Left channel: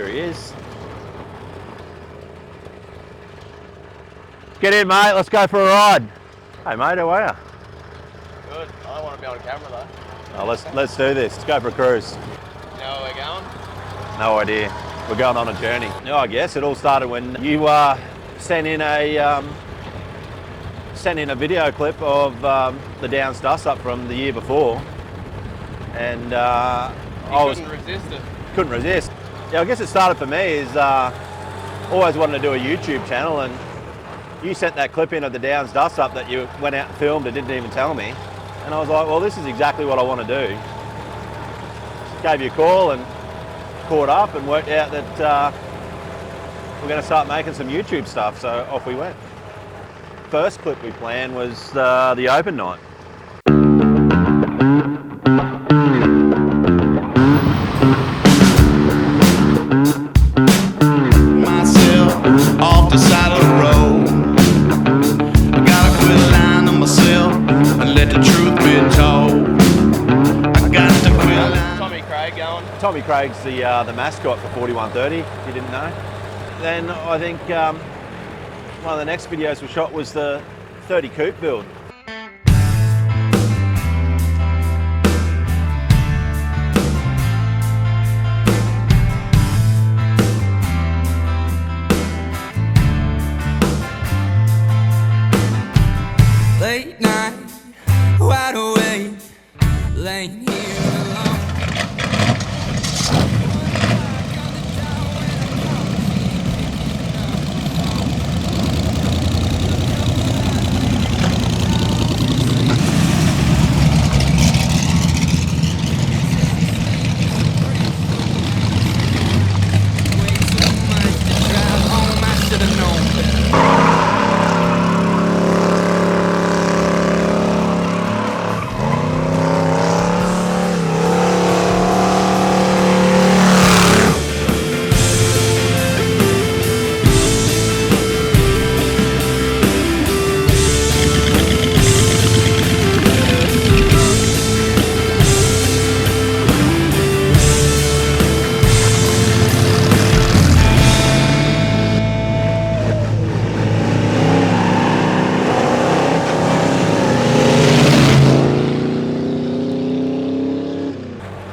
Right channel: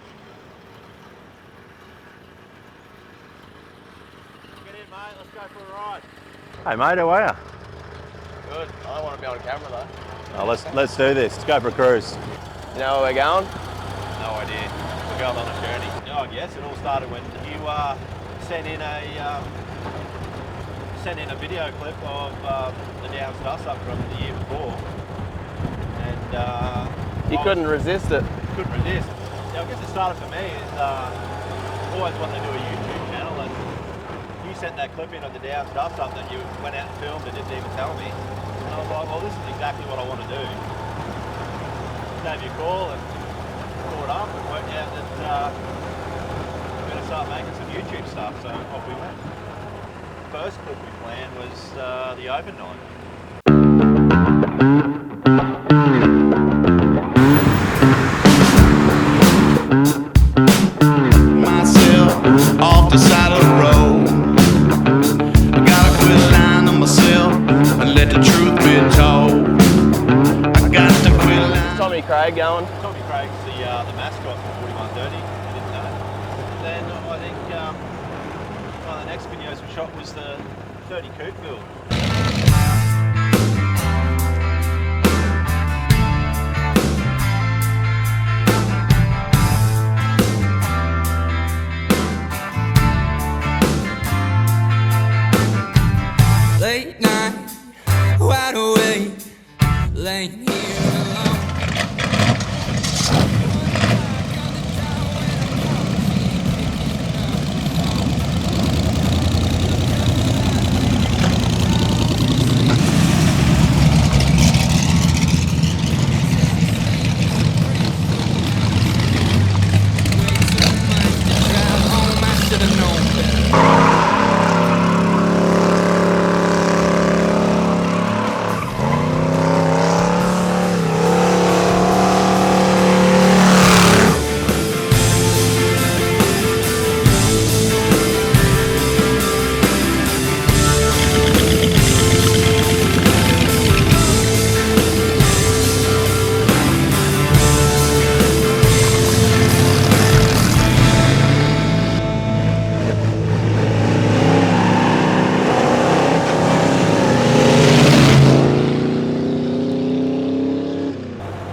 Here he is. Get in, mate. Let's go for a ride. Hey, mate, how are you? Good. I don't want to be on camera though. Oh, let's do this. Let's go for a cruise. You know where we're going? No idea. We're going on a journey. Oh, I guess it all started when you sent in a video clip of the Downs Dust Up from the year before, and you couldn't resist it. Couldn't resist. Yeah, I guess it started for me is always wanted to do a YouTube channel, and you sent that clip in of the Downs Dust Up that you went out and filmed and didn't even tell me, and I was like, well, this is exactly what I want to do. Gave you a call and caught up and worked out that we're going to start making some YouTube stuff, so off we went. First clip we planned was the open night. Myself off the side of the road, I gotta quit lying to myself and let the truth be told. I got to quit lying. Tommy Craig going? Tommy Craig's the mascot for FortyOne30, if you didn't know. Then I think one of the next videos we shot was the 30 coupe build. Late night, wide awake, laying here alone.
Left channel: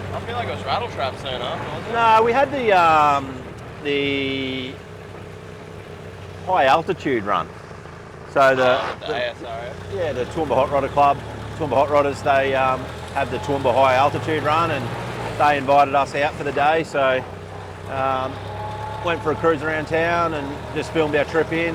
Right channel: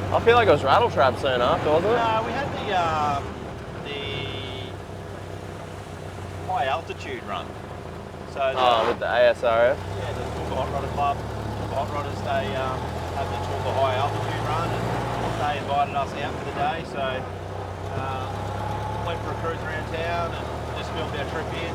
I feel like it was Rattle Trap soon after, wasn't it? No, we had the high altitude run. So with the ASRF? Yeah, the Toowoomba Hot Rodder Club, Toowoomba Hot Rodders, they had the Toowoomba high altitude run, and they invited us out for the day. So went for a cruise around town and just filmed our trip in.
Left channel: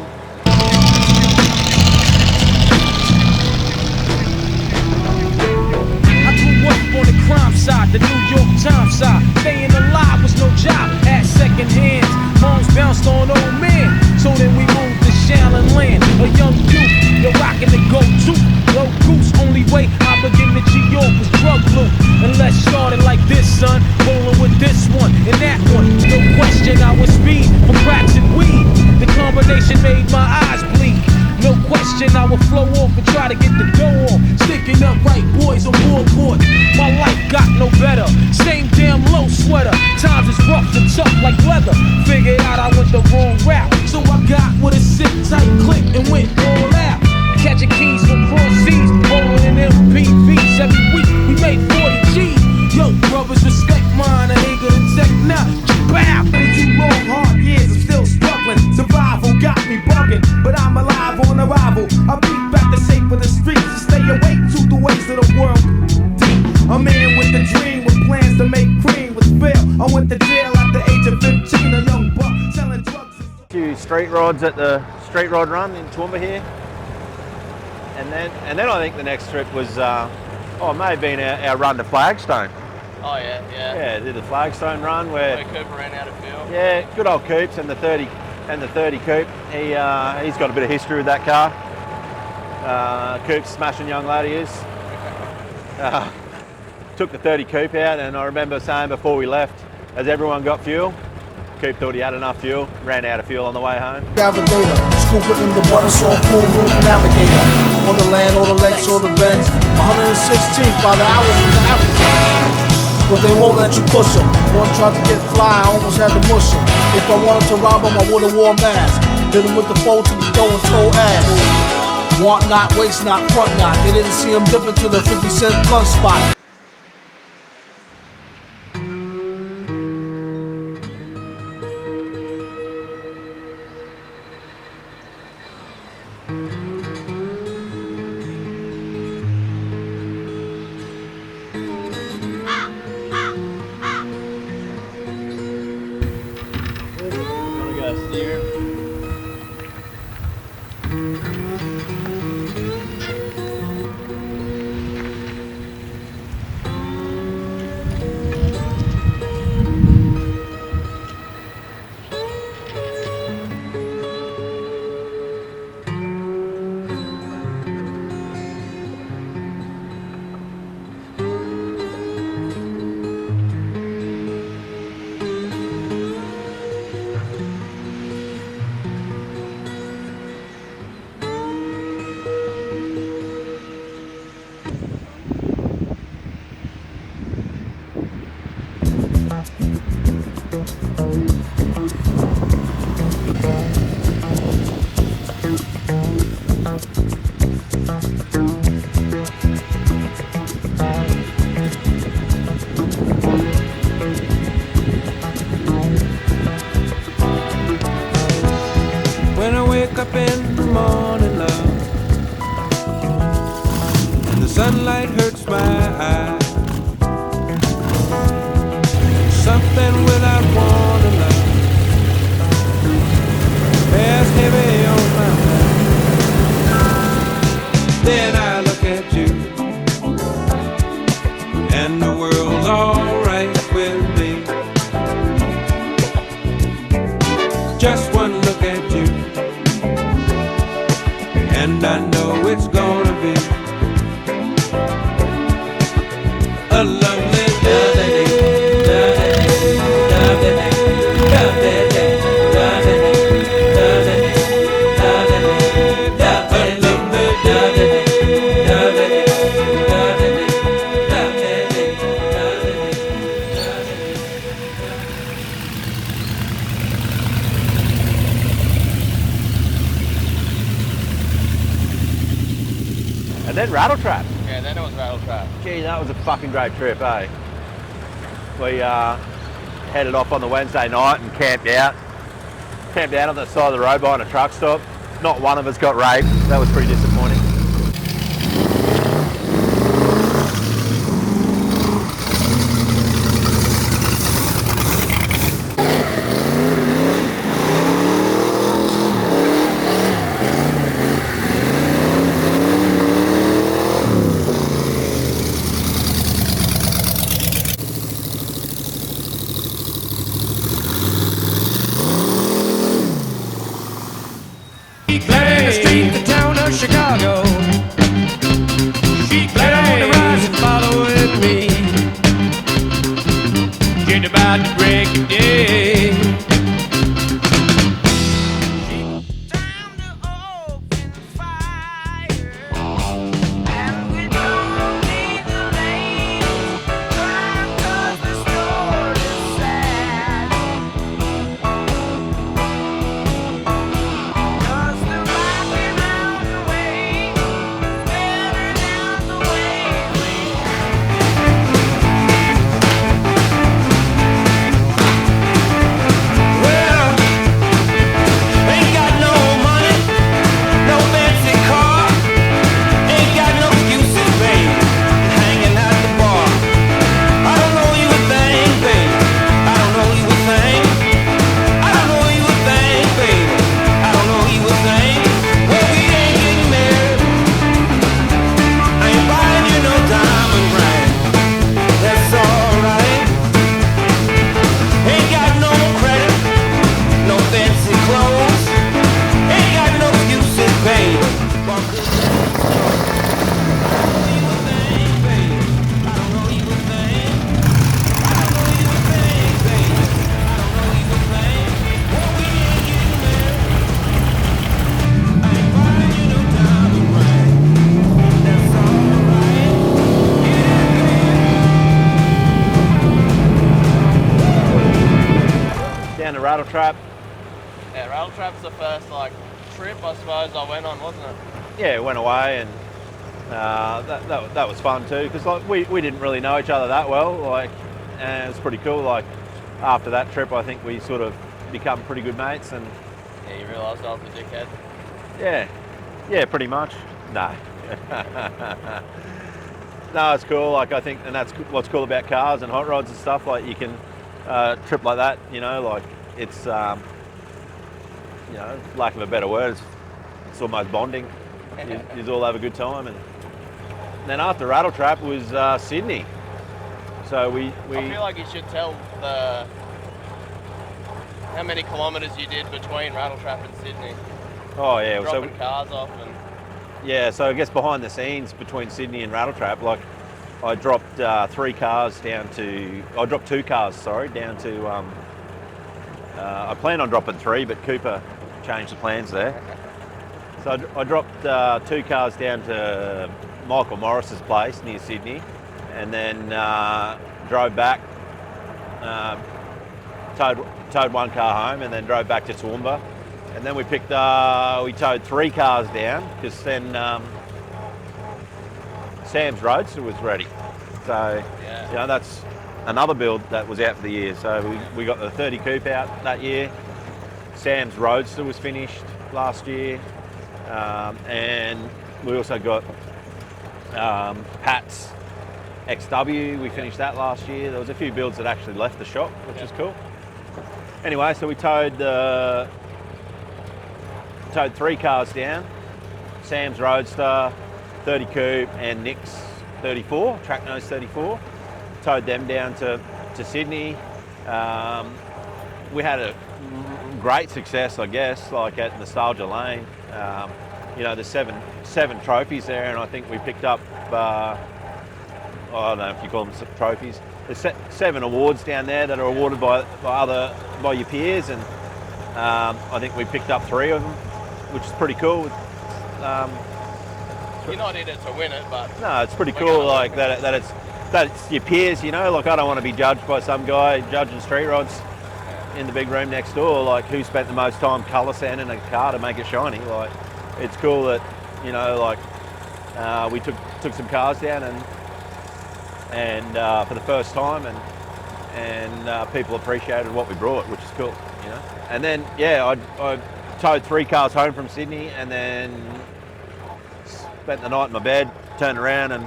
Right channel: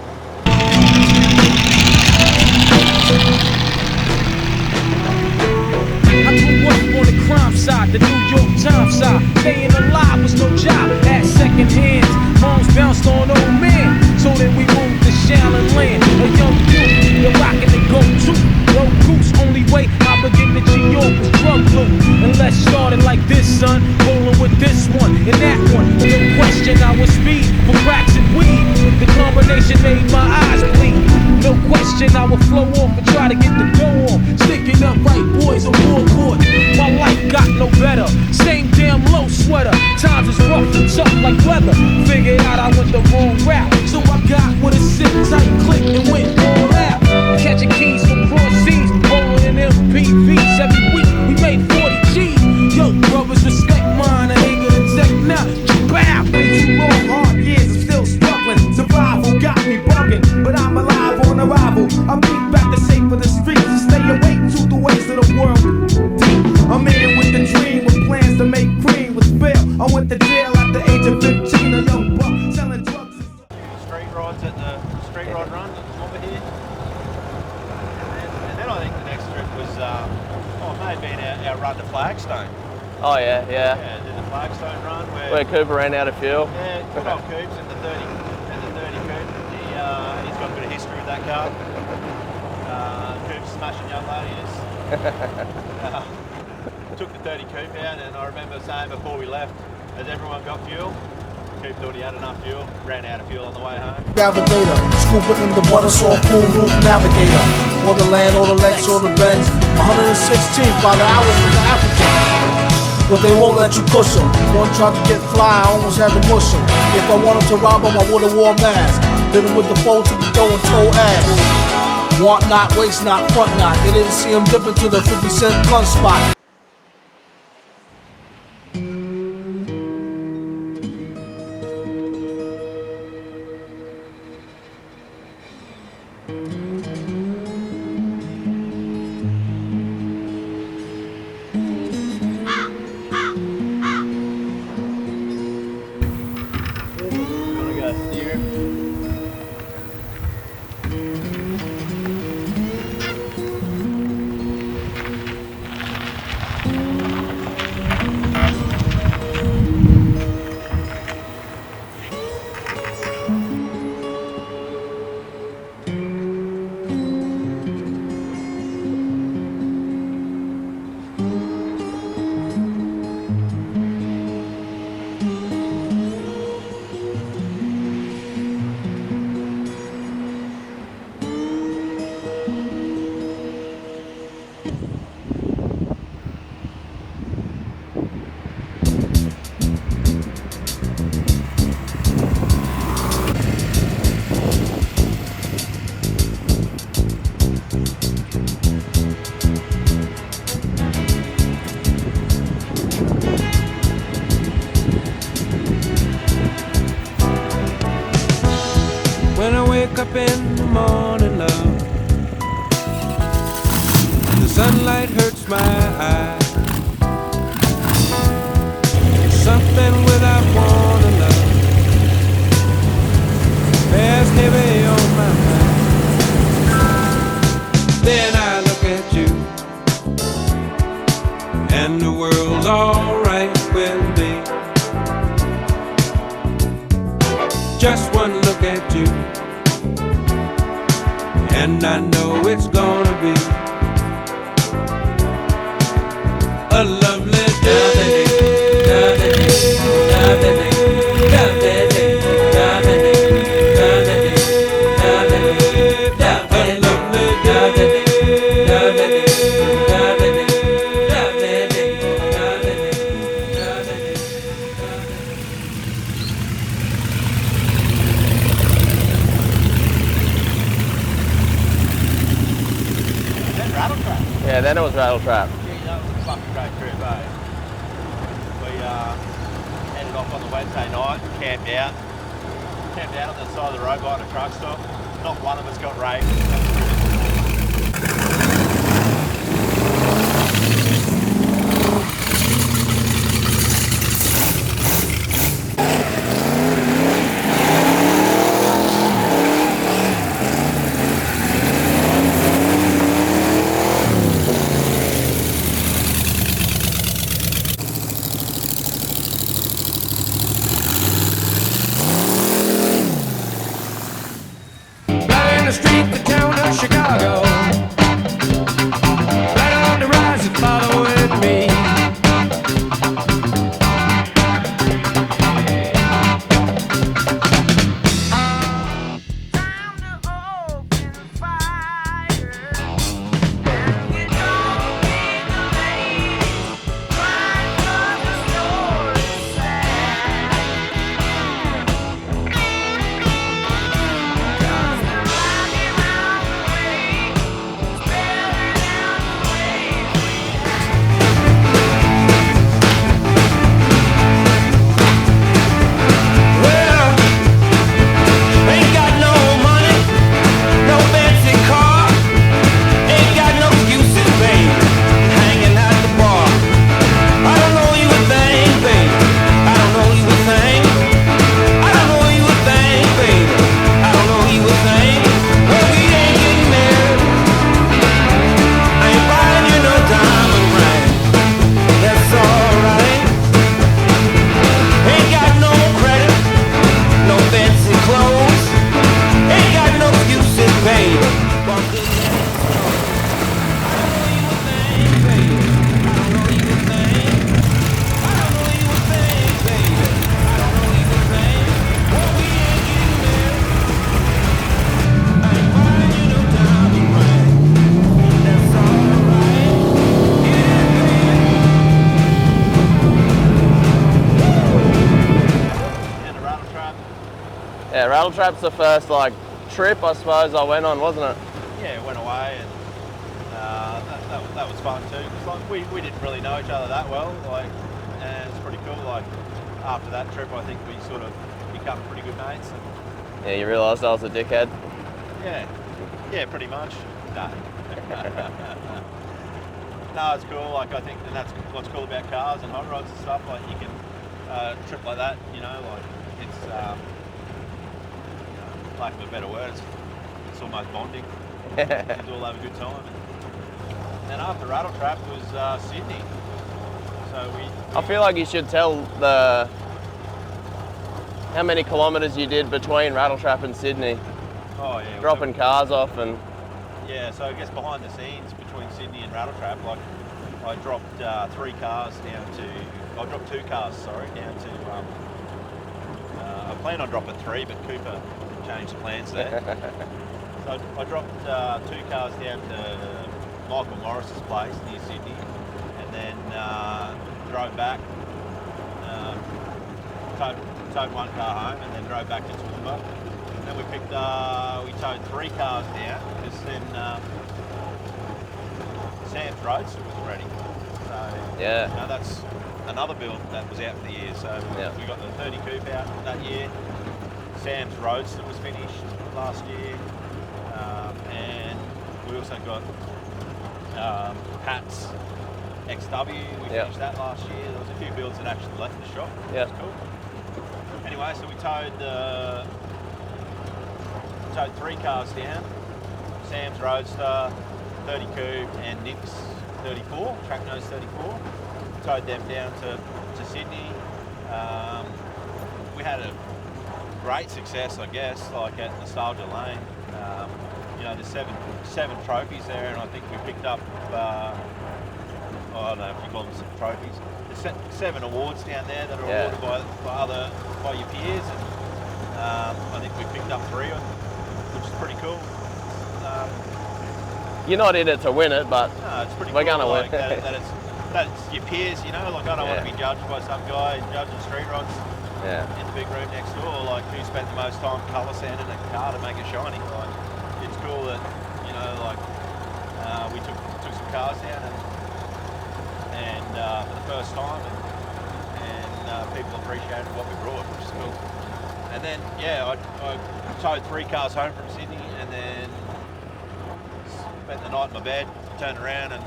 I grew up on the crime side, the New York Times side. Staying alive was no job at second hands. Moms bounced on old men, so then we moved to Shallon Land. A young youth, you're rocking the go-to. Low goose, only way I begin to G-York was drug loot. And let's start it like this, son. Rolling with this one and that one. No question, I was speed for cracks and weed. The combination made my eyes bleed. No question, I would flow off and try to get the dough off. Sticking up right boys on board. My life got no better. Same damn low sweater. Times is rough and tough like weather. Figured out I went the wrong route, so I got with a sit tight click and went all out. Catching keys from cross seas, rolling in MPVs every week. We made 40 G's. Yo, brothers, respect mine. I ain't gonna take now. Bow. Been too long, hard years. I'm still struggling. Survival got me bugging, but I'm alive on arrival. I beat back the shape of the streets and stay awake to the ways of the world. Deep. I'm in with the dream, with plans to make cream with fail. I went to jail at the age of 15. A young buck selling drugs. A few street rods at the Street Rod Run in Toowoomba here. And then I think the next trip was, it may have been our run to Flagstone. Oh yeah. Yeah, did the Flagstone run where Cooper ran out of fuel. Yeah, good old Coops and the 30 coupe. He's got a bit of history with that car. Coops, smashing young lad he is. Took the 30 coupe out, and I remember saying before we left, as everyone got fuel, Coop thought he had enough fuel, ran out of fuel on the way home. Navigator, scooping in the water, saw full roof navigator. On the land, all the legs, all the bends. 116 by the hour from the African. but they won't let you push them. One tried to get fly, I almost had to mush him. If I wanted to rob him, I would've wore a mask. Hit him with the fold to the dough and toe ass. Want not, waste not, front not. They didn't see him dip into the 50-cent blunt spot. Wanna go steer? When I wake up in the morning, love, and the sunlight hurts my eyes, something without warning, love, bears heavy on my mind. Then I look at you, and the world's alright with me. Just one look at you, and I know it's gonna be a lovely day. And then Rattle Trap. Yeah, then it was Rattle Trap. Gee, that was a fucking great trip, eh? We headed off on the Wednesday night and camped out. Camped out on the side of the road behind a truck stop. Not one of us got raped. That was pretty disappointing. Flying the street, the town of Chicago. Rattle Trap. Yeah, Rattle Trap's the first like trip I suppose I went on, wasn't it? Yeah, went away, and that was fun too, because like we didn't really know each other that well, like, and it's pretty cool. Like after that trip, I think we sort of become pretty good mates, and Yeah, you realised I was a dickhead. yeah, pretty much. No. No, it's cool. Like I think, and that's what's cool about cars and hot rods and stuff. Like you can trip like that. You know, like it's you know, lack of a better word, it's almost bonding. You all have a good time, and then after Rattle Trap was Sydney. So we I feel like you should tell how many kilometres you did between Rattle Trap and Sydney, oh yeah, dropping cars off and. Yeah, so I guess behind the scenes between Sydney and Rattle Trap, like I dropped 2 cars, down to I planned on dropping 3, but Cooper changed the plans there. So I dropped 2 cars down to Michael Morris's place near Sydney, and then drove back, towed 1 car home, and then drove back to Toowoomba. And then we towed 3 cars down, because then Sam's Roadster was ready. So Yeah. you know, that's another build that was out for the year. So we got the 30 coupe out that year. Sam's Roadster was finished last year, and we also got Pat's XW. We finished that last year. There was a few builds that actually left the shop, which was cool. Anyway, so we towed 3 cars down, Sam's Roadster, 30 coupe, and Nick's 34, track nose 34. Towed them down to Sydney. We had a great success, I guess, like at Nostalgia Lane. You know, there's seven trophies there, and I think we picked up, I don't know if you call them trophies. There's 7 awards down there that are awarded by your peers, and I think we picked up 3 of them, which is pretty cool. You're not in it to win it, but No, it's pretty we're cool, gonna like win. that it's your peers, you know. Like I don't want to be judged by some guy judging street rods in the big room next door. Like who spent the most time colour sanding a car to make it shiny. Like it's cool that, you know, like we took some cars down and for the first time, and people appreciated what we brought, which is cool, you know. And then I towed 3 cars home from Sydney, and then spent the night in my bed, turned around and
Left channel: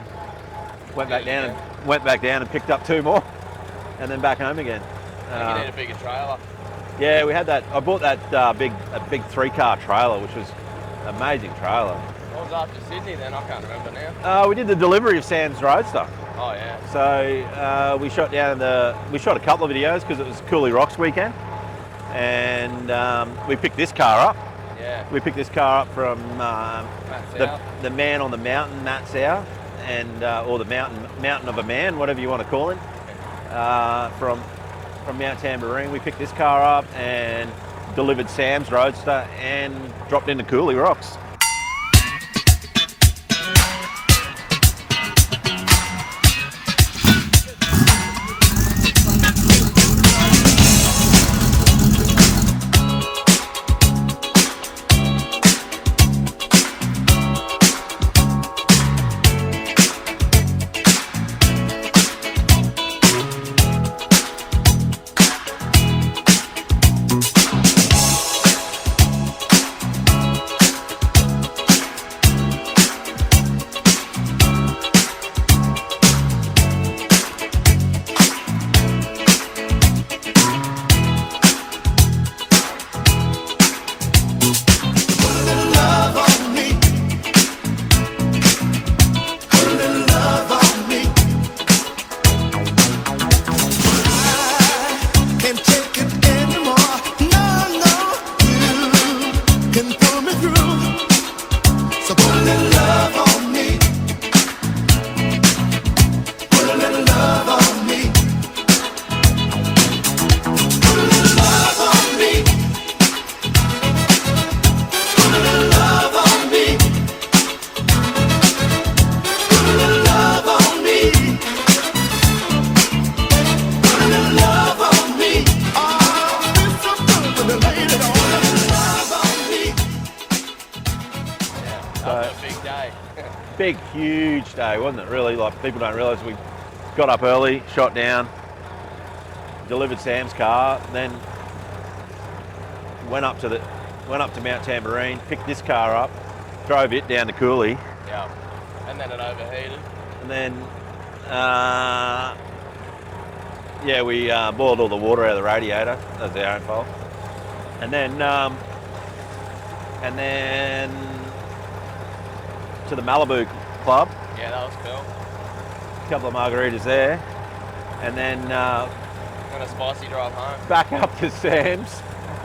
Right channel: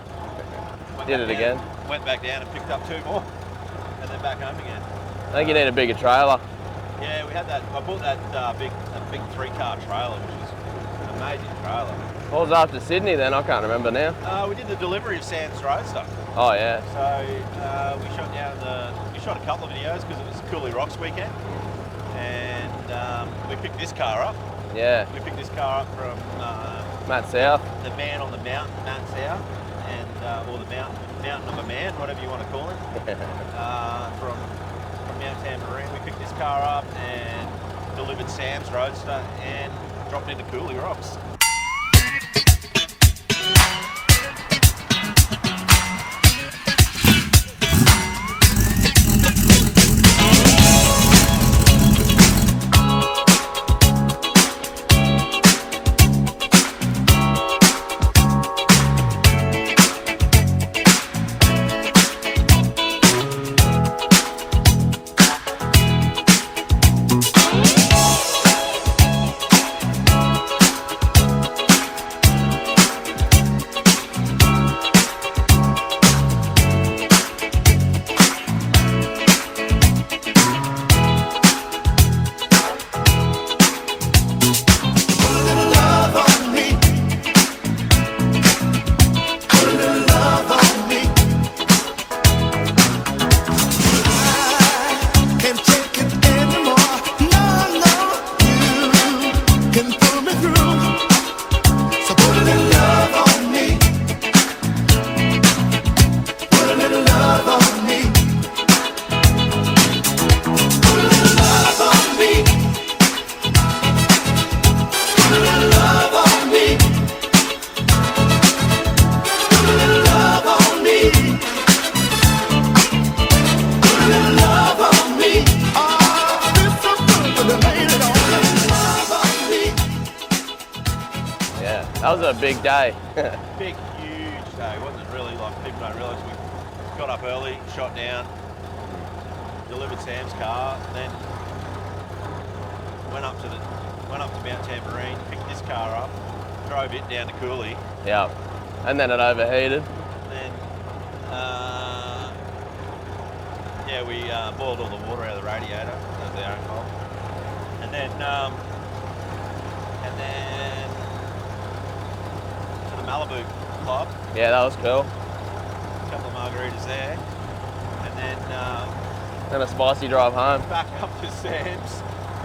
went back down and picked up 2 more, and then back home again. I think you need a bigger trailer. Yeah, we had that. I bought that big 3-car trailer, which was an amazing trailer. What was after Sydney then? I can't remember now. We did the delivery of Sam's Roadster. Oh yeah. So we shot a couple of videos because it was Cooley Rocks weekend, and we picked this car up. Yeah. We picked this car up from Matt South. the man on the mountain, Matt South, and or the mountain of a man, whatever you want to call him, from Mount Tambourine. We picked this car up and delivered Sam's Roadster and dropped into Cooley Rocks. day. Big, huge day, wasn't it? Really, like people don't realise we got up early, shot down, delivered Sam's car, then went up to Mount Tambourine, picked this car up, drove it down to Cooley. Yeah. And then it overheated. And then, yeah, we boiled all the water out of the radiator. That was our own fault. And then to the Malibu Club. Yeah, that was cool. A couple of margaritas there. And then And a spicy drive home. back up to Sam's,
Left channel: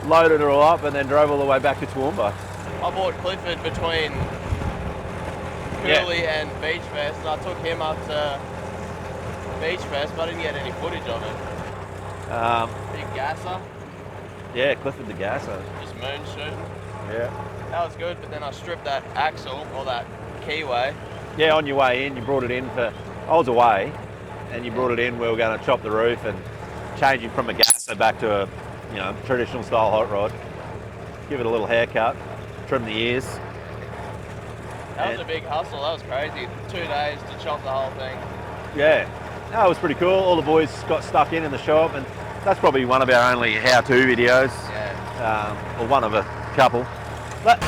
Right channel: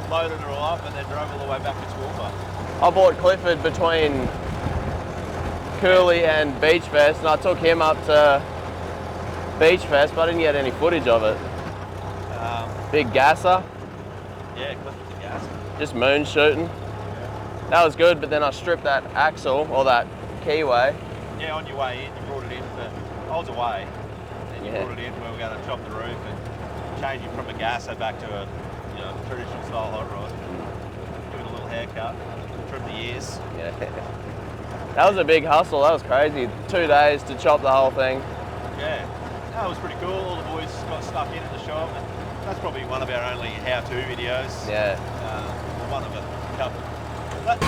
loaded it all up, and then drove all the way back to Toowoomba. I bought Clifford between Cooley and Beach Fest, and I took him up to Beach Fest, but I didn't get any footage of it. Big gasser, Yeah, Clifford the Gasser. just moon shooting. Yeah. That was good, but then I stripped that axle, or that keyway. Yeah, on your way in, you brought it in for, I was away, and you brought it in, we were going to chop the roof and change it from a gasser back to a, traditional style hot rod. Give it a little haircut, trim the ears. That was a big hustle, that was crazy. 2 days to chop the whole thing. Yeah, that was pretty cool. All the boys got stuck in the shop, and that's probably one of our only how-to videos. Yeah. Or one of a couple. But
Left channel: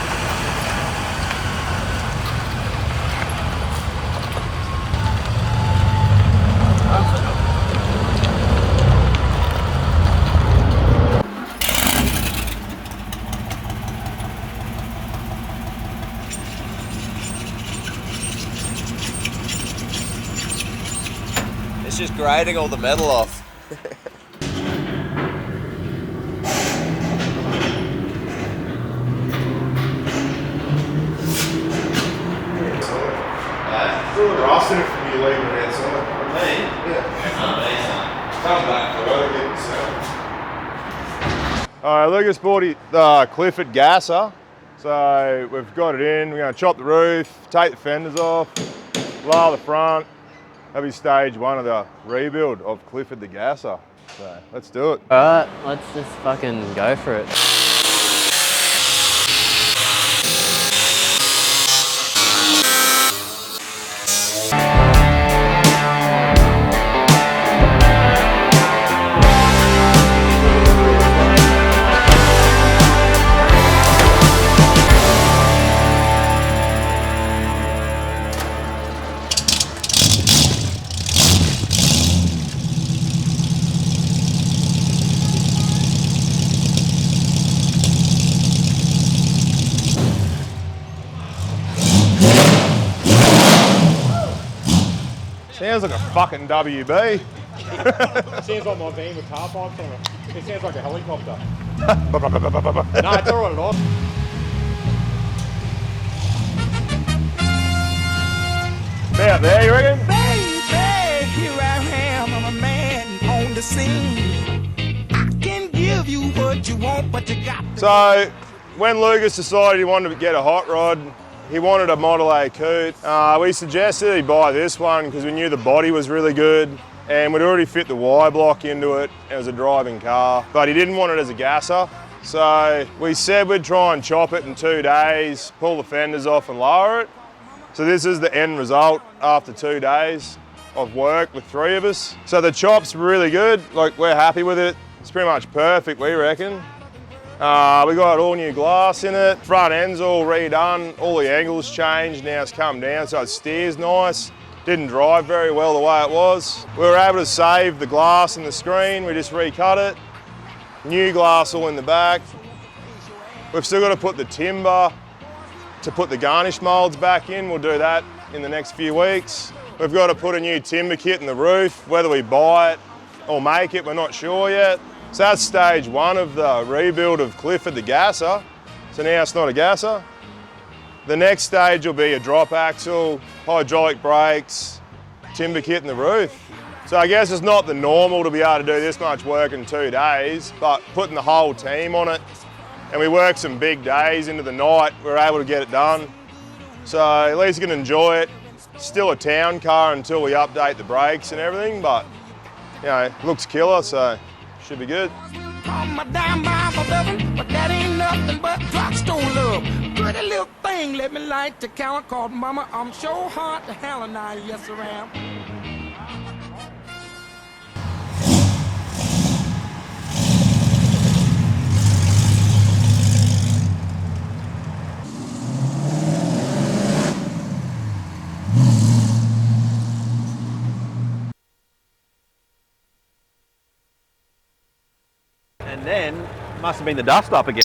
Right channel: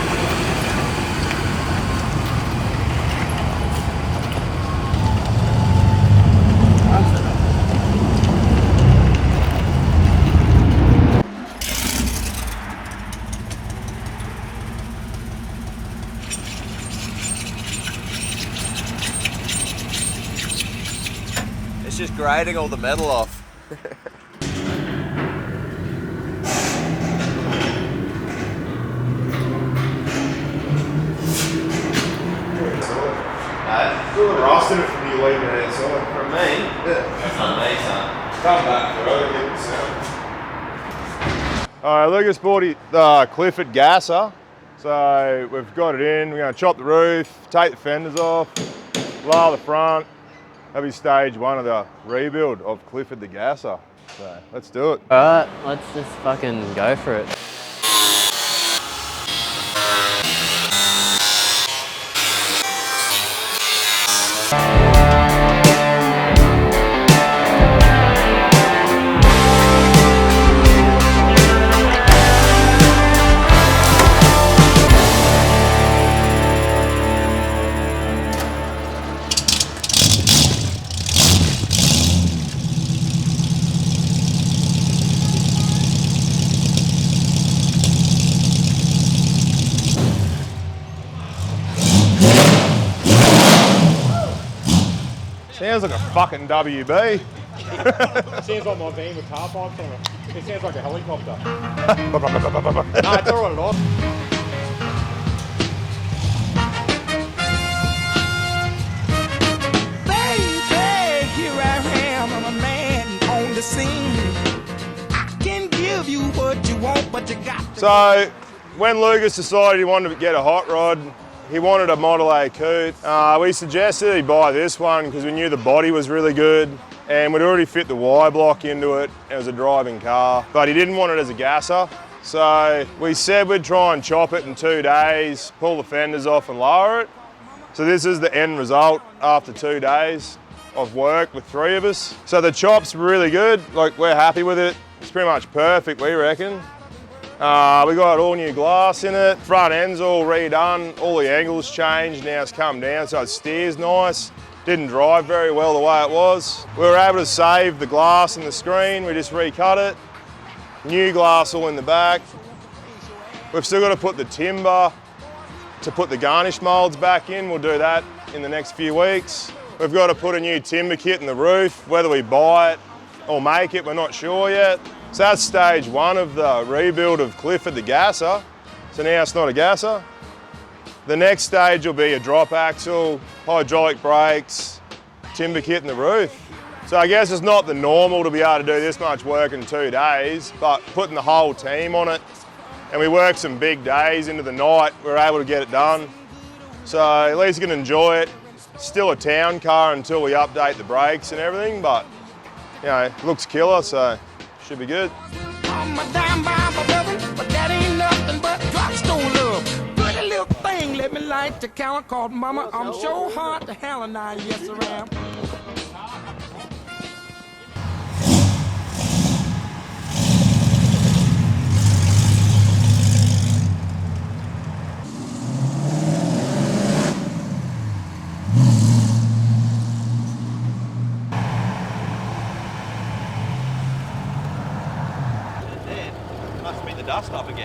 It's just grating all the metal off. Throw the roster from you leaving it outside. for me, Yeah. Come back for Alright, Lucas bought the Clifford Gasser. So we've got it in, we're going to chop the roof, take the fenders off, lower the front. That'll be stage one of the rebuild of Clifford the Gasser. So let's do it. Alright, let's just fucking go for it. Sounds like a fucking WB. Sounds like my van with car pipes on it. It sounds like a helicopter. No, it's all right at all. Out there, you reckon? Baby, here I am, I'm a man on the scene. I can give you what you want, but you got to. So when Lucas decided he wanted to get a hot rod, he wanted a Model A coupe. We suggested he buy this one because we knew the body was really good and we'd already fit the Y block into it as a driving car, but he didn't want it as a gasser. So we said we'd try and chop it in 2 days, pull the fenders off and lower it. So this is the end result after 2 days of work with 3 of us. So the chop's really good, like we're happy with it. It's pretty much perfect, we reckon. We got all new glass in it, front end's all redone, all the angles changed, now it's come down so it steers nice. Didn't drive very well the way it was. We were able to save the glass and the screen, we just recut it. New glass all in the back. We've still got to put the timber to put the garnish moulds back in, we'll do that in the next few weeks. We've got to put a new timber kit in the roof, whether we buy it or make it, we're not sure yet. So that's stage one of the rebuild of Clifford the Gasser. So now it's not a gasser. The next stage will be a drop axle, hydraulic brakes, timber kit in the roof. So I guess it's not the normal to be able to do this much work in 2 days, but putting the whole team on it, and we worked some big days into the night, we were able to get it done. So at least you can enjoy it. Still a town car until we update the brakes and everything, but it looks killer, so should be good. My dime bomb for loving, but that ain't nothing but drugstore love. Pretty little thing. let me light the count called mama. I'm so hard to hell and I, yes I am. And then must have been the dust up again.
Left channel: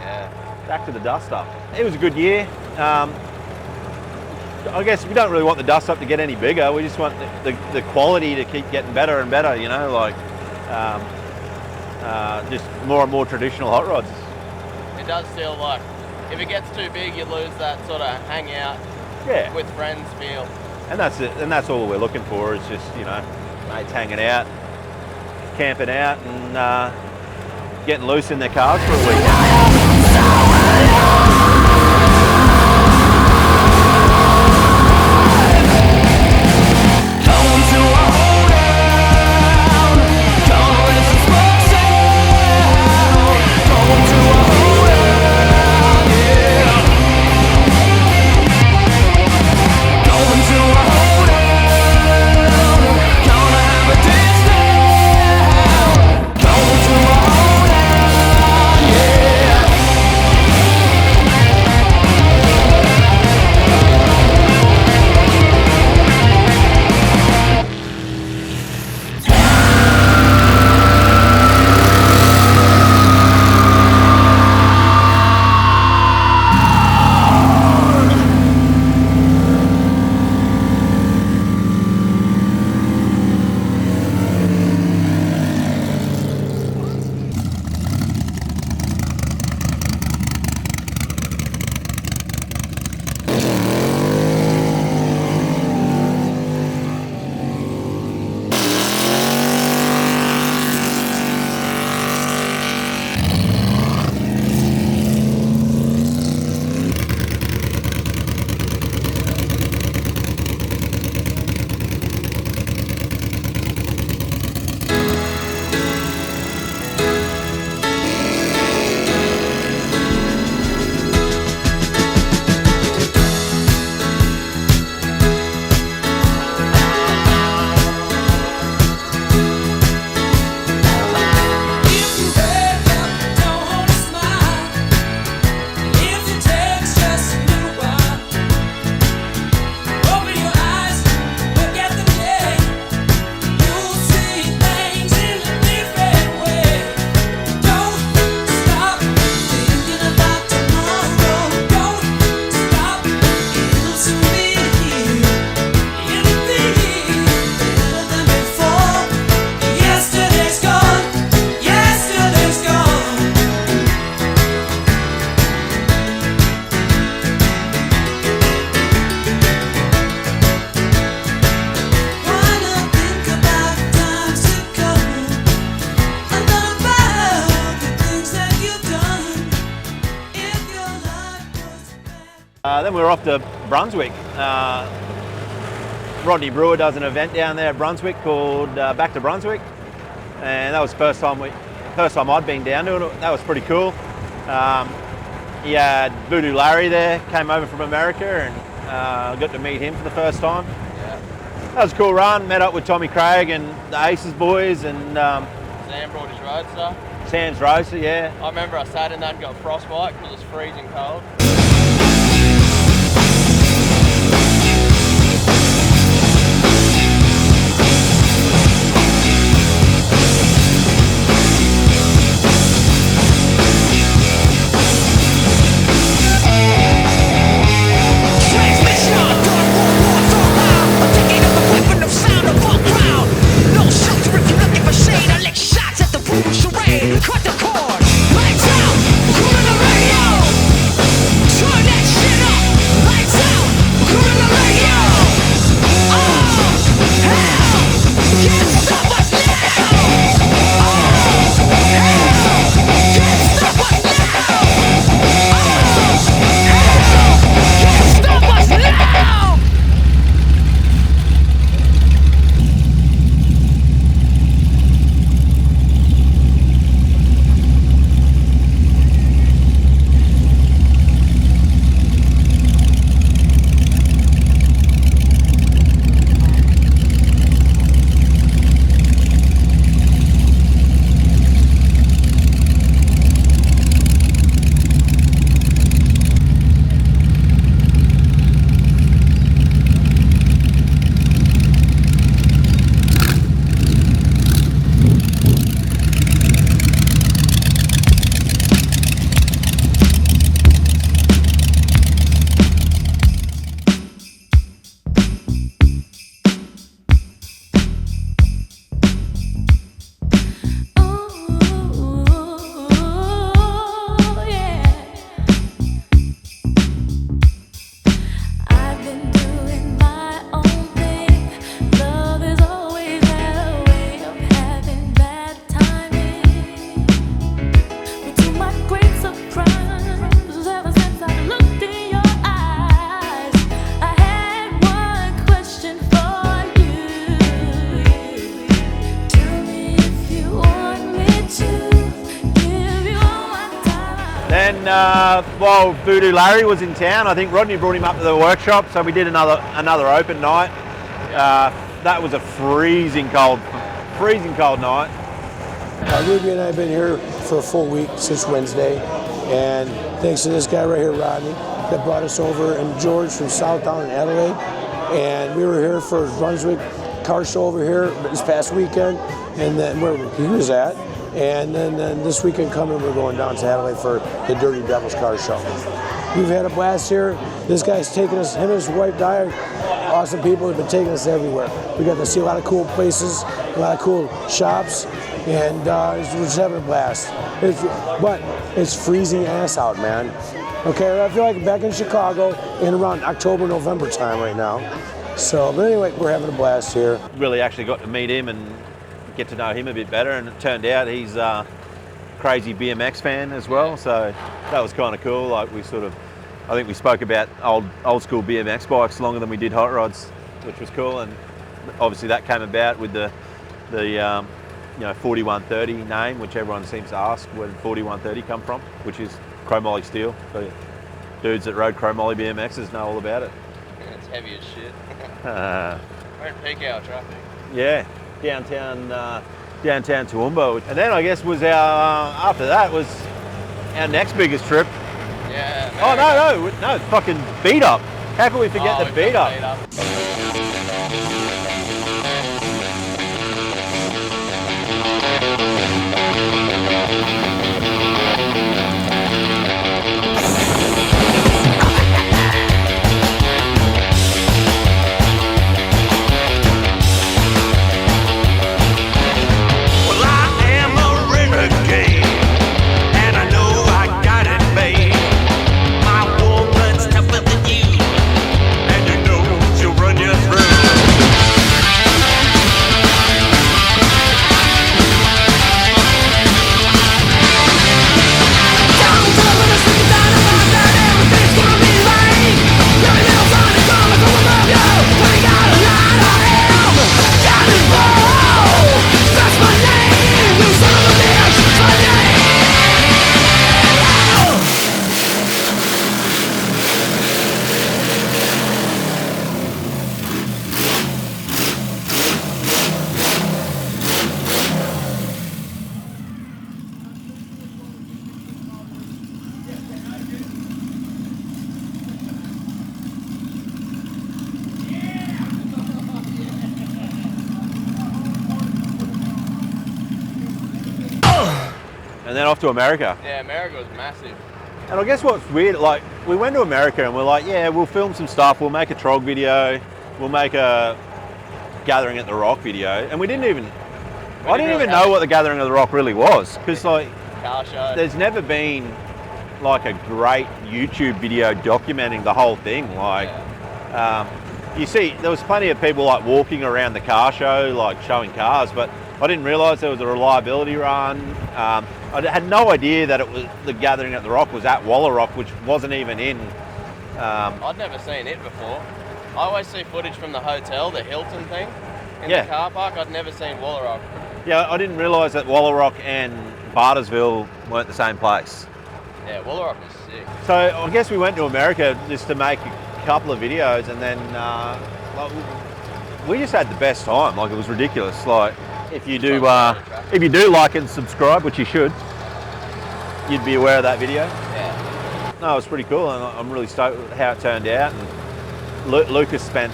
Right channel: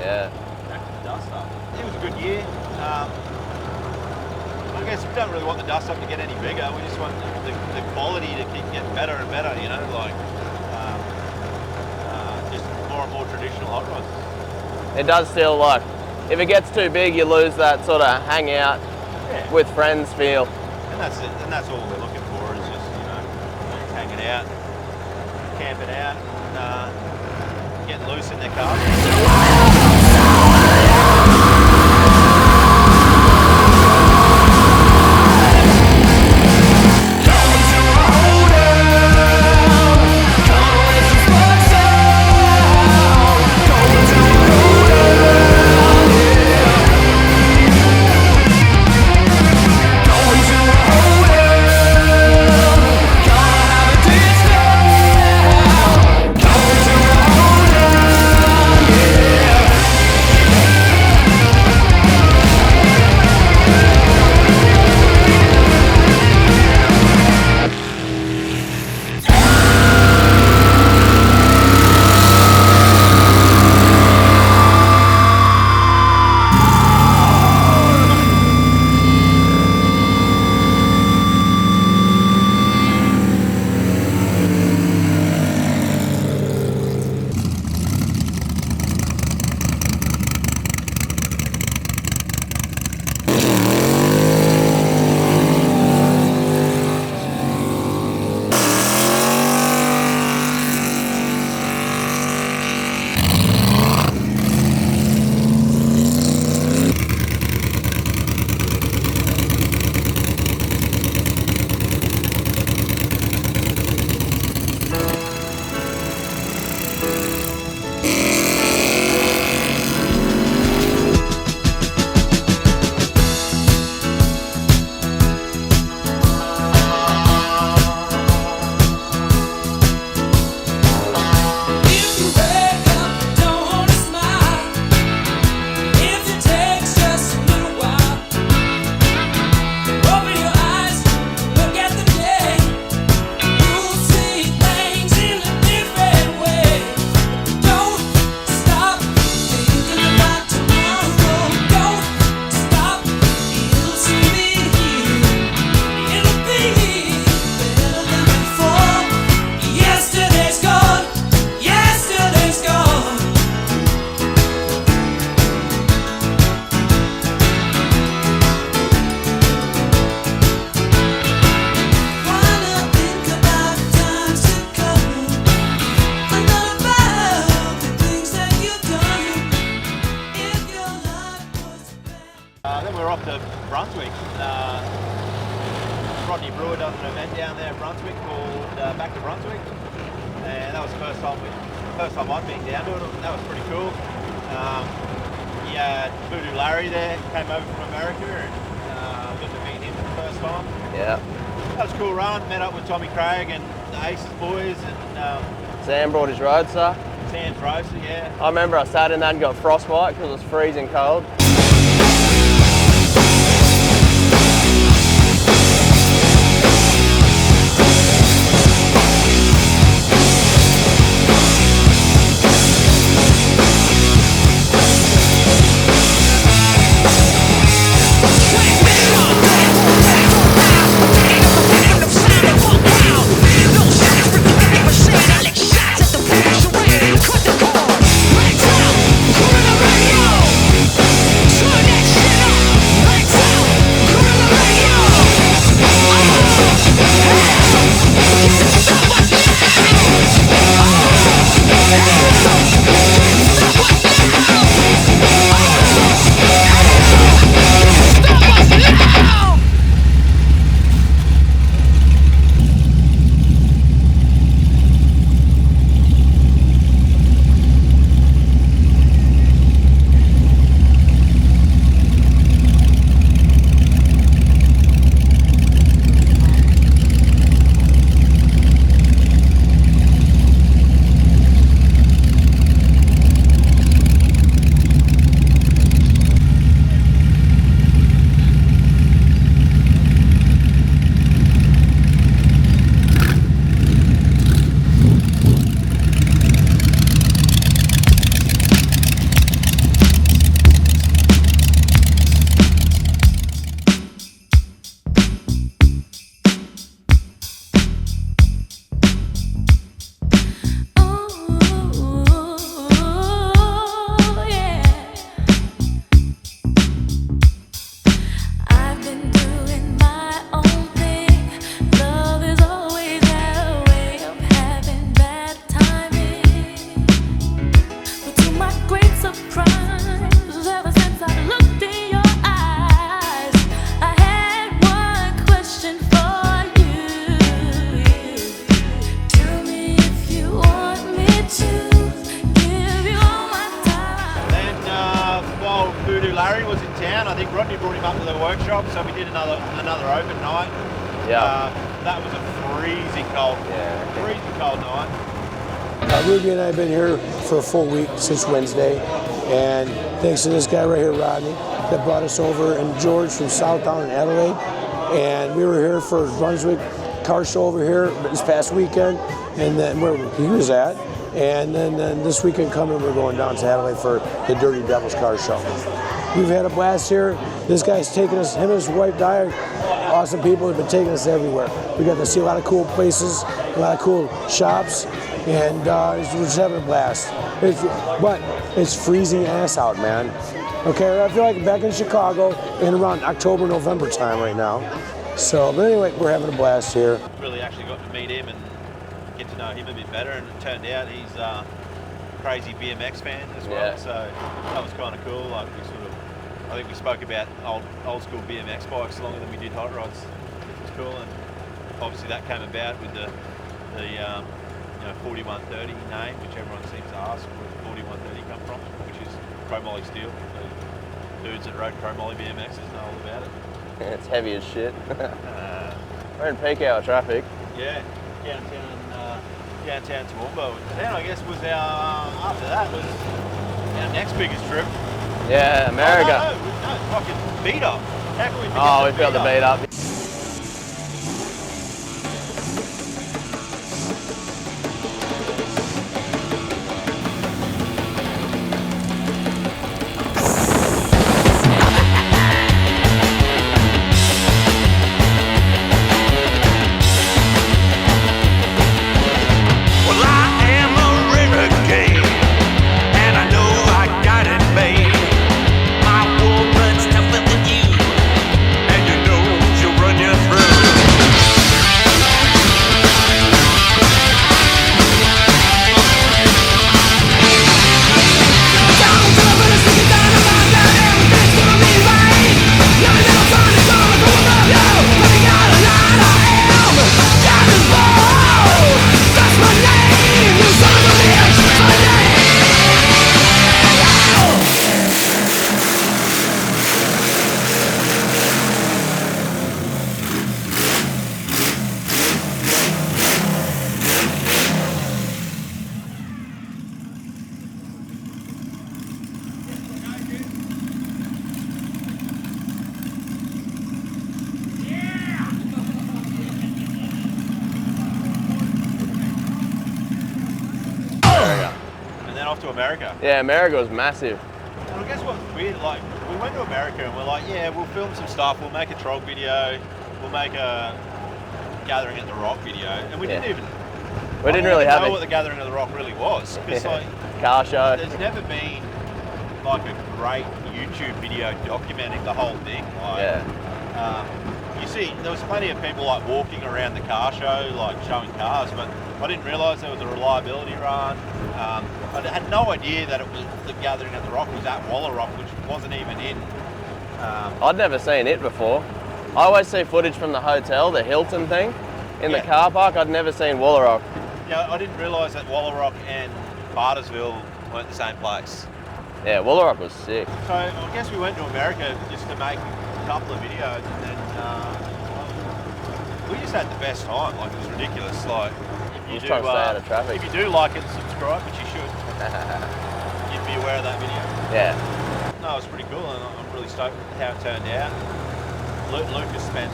Yeah. Back to the dust up. It was a good year. I guess we don't really want the dust up to get any bigger. We just want the quality to keep getting better and better, you know, like just more and more traditional hot rods. It does feel like, if it gets too big, you lose that sort of hang out with friends feel. And that's it. And that's all we're looking for is just, you know, mates hanging out, camping out and getting loose in their cars. Then we were off to Brunswick. Rodney Brewer does an event down there at Brunswick called Back to Brunswick, and that was the first time I'd been down to it. That was pretty cool. He had Voodoo Larry there, came over from America, and got to meet him for the first time. Yeah. That was a cool run. Met up with Tommy Craig and the Aces boys, and Sam brought his Roadster. Sam's Roadster, yeah. I remember I sat in that and got frostbite because it was freezing cold. Cut the cord, lights out, put in the radio. while Voodoo Larry was in town, I think Rodney brought him up to the workshop, so we did another open night. Yeah. That was a freezing cold night. Ruby and I have been here for a full week since Wednesday, and thanks to this guy right here, Rodney, that brought us over, and George from Southtown in Adelaide, and we were here for Brunswick car show over here this past weekend, and then where he was at, and then this weekend coming we're going down to Adelaide for the Dirty Devils car show. We've had a blast here. This guy's taking us, him and his wife Di, awesome people, have been taking us everywhere. We got to see a lot of cool places, a lot of cool shops, and we're just having a blast. But it's freezing ass out, man. Okay, I feel like I'm back in Chicago in around October, November time right now. So, but anyway, we're having a blast here. Really actually got to meet him and get to know him a bit better, and it turned out he's a crazy BMX fan as well, so that was kind of cool. Like I think we spoke about old school BMX bikes longer than we did hot rods, which was cool, and obviously that came about with the 4130 name, which everyone seems to ask where 4130 come from, which is chromoly steel. So dudes that rode chromoly BMXs know all about it. And it's heavy as shit. We're in peak hour traffic. Yeah, downtown Toowoomba. And then I guess was after that was our next biggest trip. Yeah, America. Oh, no, fucking beat up. How can we forget the beat up? Off to America. Yeah, America was massive. And I guess what's weird, like we went to America and we're like, yeah, we'll film some stuff, we'll make a TROG video, we'll make a Gathering at the Rock video, and I didn't even know what the Gathering at the Rock really was, because like car show. There's never been like a great YouTube video documenting the whole thing. Like, you see, there was plenty of people like walking around the car show, like showing cars, but I didn't realise there was a reliability run. I had no idea that it was the Gathering at the Rock was at Wallarock, which wasn't even in. I'd never seen it before. I always see footage from the hotel, the Hilton thing, in the car park. I'd never seen Wallarock. Yeah, I didn't realise that Wallarock and Bartersville weren't the same place. Yeah, Wallarock was sick. So I guess we went to America just to make a couple of videos, and then we just had the best time. Like, it was ridiculous. Like, if you do like and subscribe, which you should, you'd be aware of that video. Yeah. No, it was pretty cool, and I'm really stoked with how it turned out. Lucas spent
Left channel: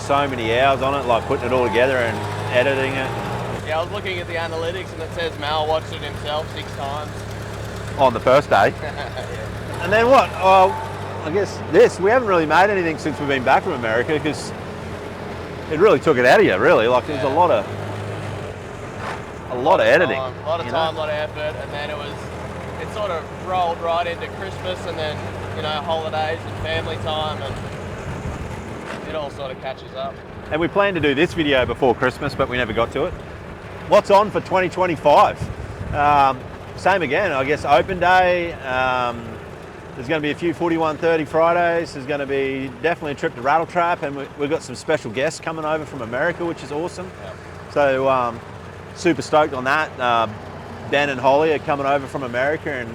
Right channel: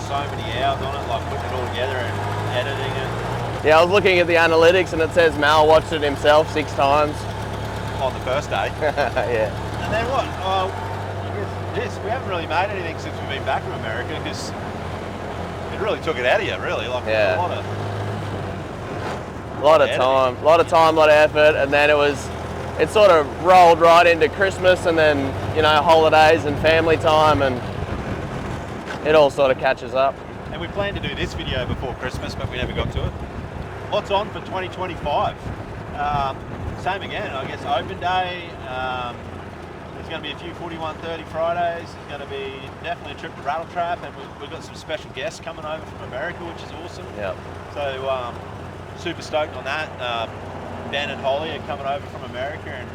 so many hours on it, like putting it all together and editing it. Yeah, I was looking at the analytics and it says Mal watched it himself 6 times. On the first day. Yeah. And then what? I guess we haven't really made anything since we've been back from America, because it really took it out of you, really. Like, there's a lot of editing. A lot of time, a lot of effort, and then it sort of rolled right into Christmas, and then, you know, holidays and family time, and it all sort of catches up. And we planned to do this video before Christmas, but we never got to it. What's on for 2025? Same again, I guess. Open day. There's going to be a few 4130 Fridays. There's going to be definitely a trip to Rattle Trap, and we've got some special guests coming over from America, which is awesome. Yeah. So super stoked on that. Ben and Holly are coming over from America and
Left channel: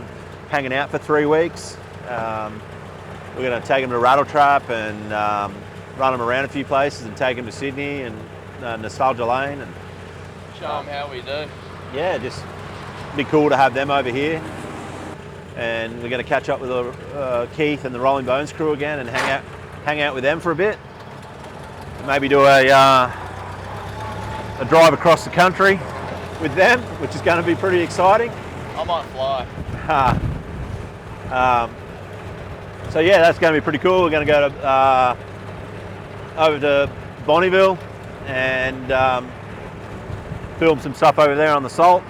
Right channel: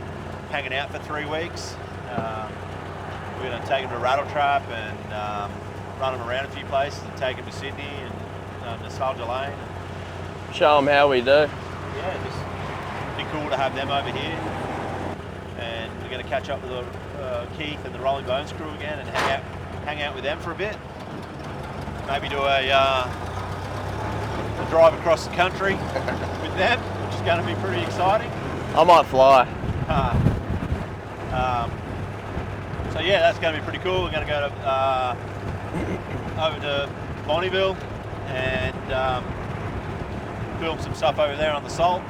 hanging out for 3 weeks. We're going to take them to Rattle Trap and run them around a few places and take them to Sydney and Nostalgia Lane. And show them how we do. Yeah, just be cool to have them over here. And we're going to catch up with Keith and the Rolling Bones crew again and hang out with them for a bit. Maybe do a drive across the country with them, which is going to be pretty exciting. I might fly. So yeah, that's going to be pretty cool. We're going to go to, over to Bonneville and film some stuff over there on the Salt.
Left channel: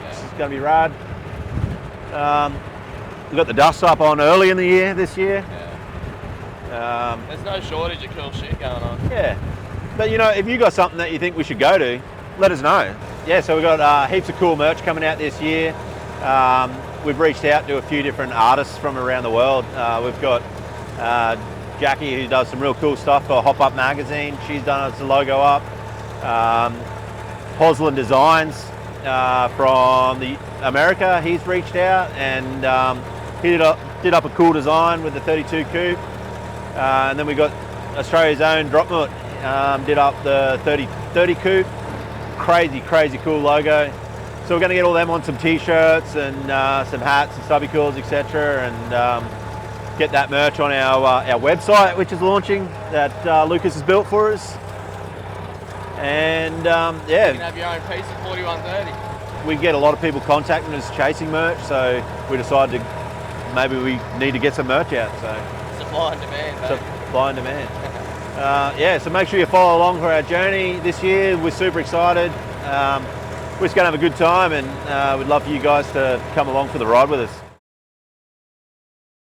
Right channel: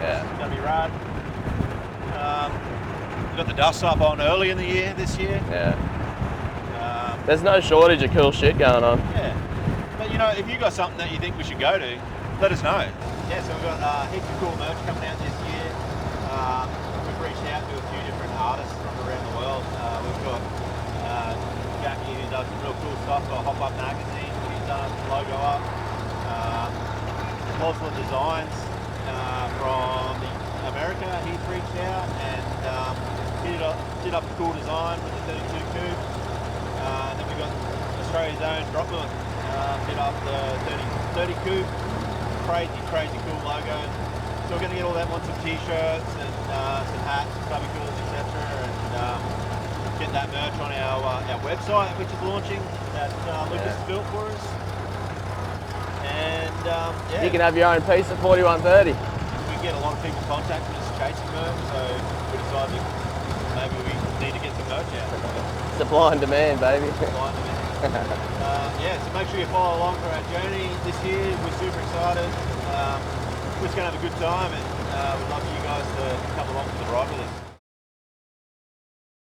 Yeah. It's going to be rad. We got the dust up on early in the year this year. Yeah. There's no shortage of cool shit going on. Yeah. But you know, if you got something that you think we should go to, let us know. Yeah, so we've got heaps of cool merch coming out this year. We've reached out to a few different artists from around the world. We've got Jackie, who does some real cool stuff for Hop Up Magazine. She's done us a logo up. Poslin Designs from America, he's reached out and he did up a cool design with the 32 coupe. And then we got Australia's own Dropmut, did up the 30 coupe. Crazy cool logo. So we're going to get all them on some t-shirts and some hats and stubby cools, etc. And get that merch on our website, which is launching, that Lucas has built for us. And yeah. You can have your own piece at 4130. We get a lot of people contacting us chasing merch, so we decided maybe we need to get some merch out. So supply and demand, baby. Supply and demand. Yeah, so make sure you follow along for our journey this year. We're super excited. We're just going to have a good time, and we'd love for you guys to come along for the ride with us.